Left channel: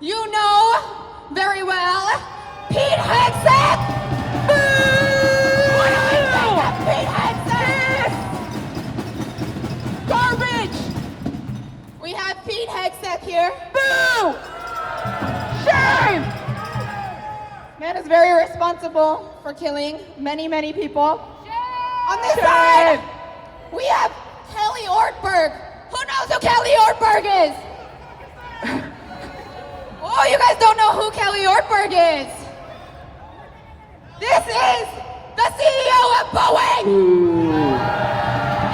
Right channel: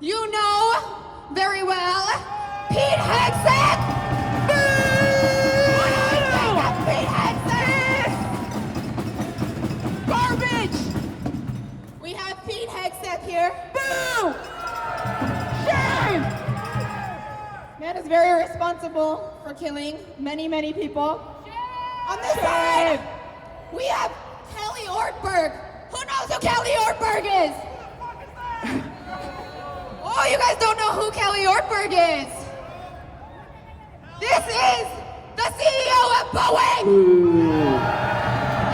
You know very well, Pete Hegseth! What do we think of Pete Hegseth? Garbage! We have Pete Hegseth here. Boo! Shame! Man is very responsible for killing many, many people. Shame! On this side, we have Kelly Ortberg. Who knows who Kelly Ortberg is? Oh, you guys don't know who Kelly Ortberg is. This is the CEO of Boeing.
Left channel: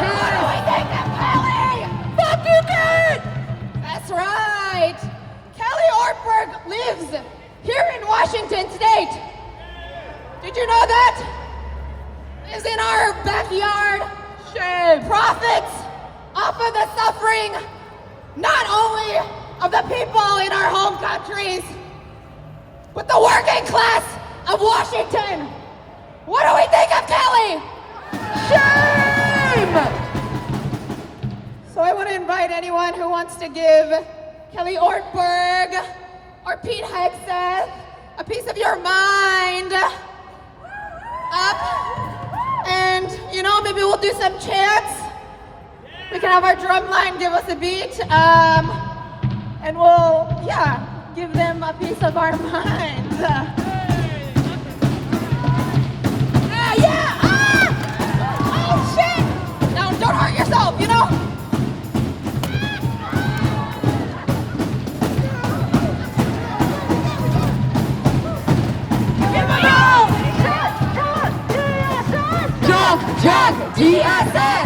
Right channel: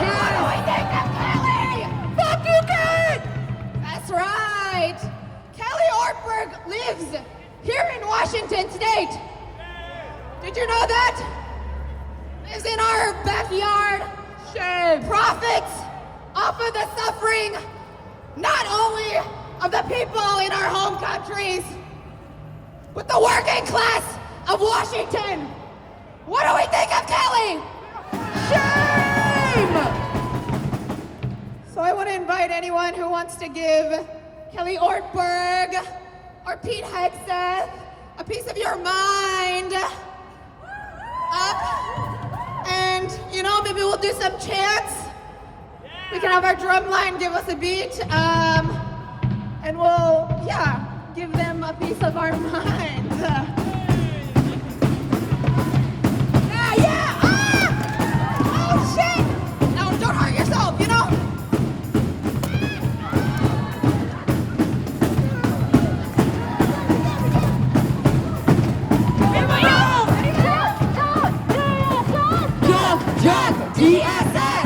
What do we think of Kelly? Fuck you, Kurt! That's right. Kelly Ortberg lives here in Washington State. Did you know that? Lives in our backyard. Shame. Profits off of the suffering, not only of the people in our home countries, but the working class of Washington. What do we think of Kelly? Shame! So I want to invite anyone who wants to give Kelly Ortberg or Pete Hegseth a piece of your mind up, and maybe we'll do some chants. We can have our drum line give us a beat, and we'll, give them a piece of our minds. Oh shit! Now don't hurt yourself, Jump, DSS!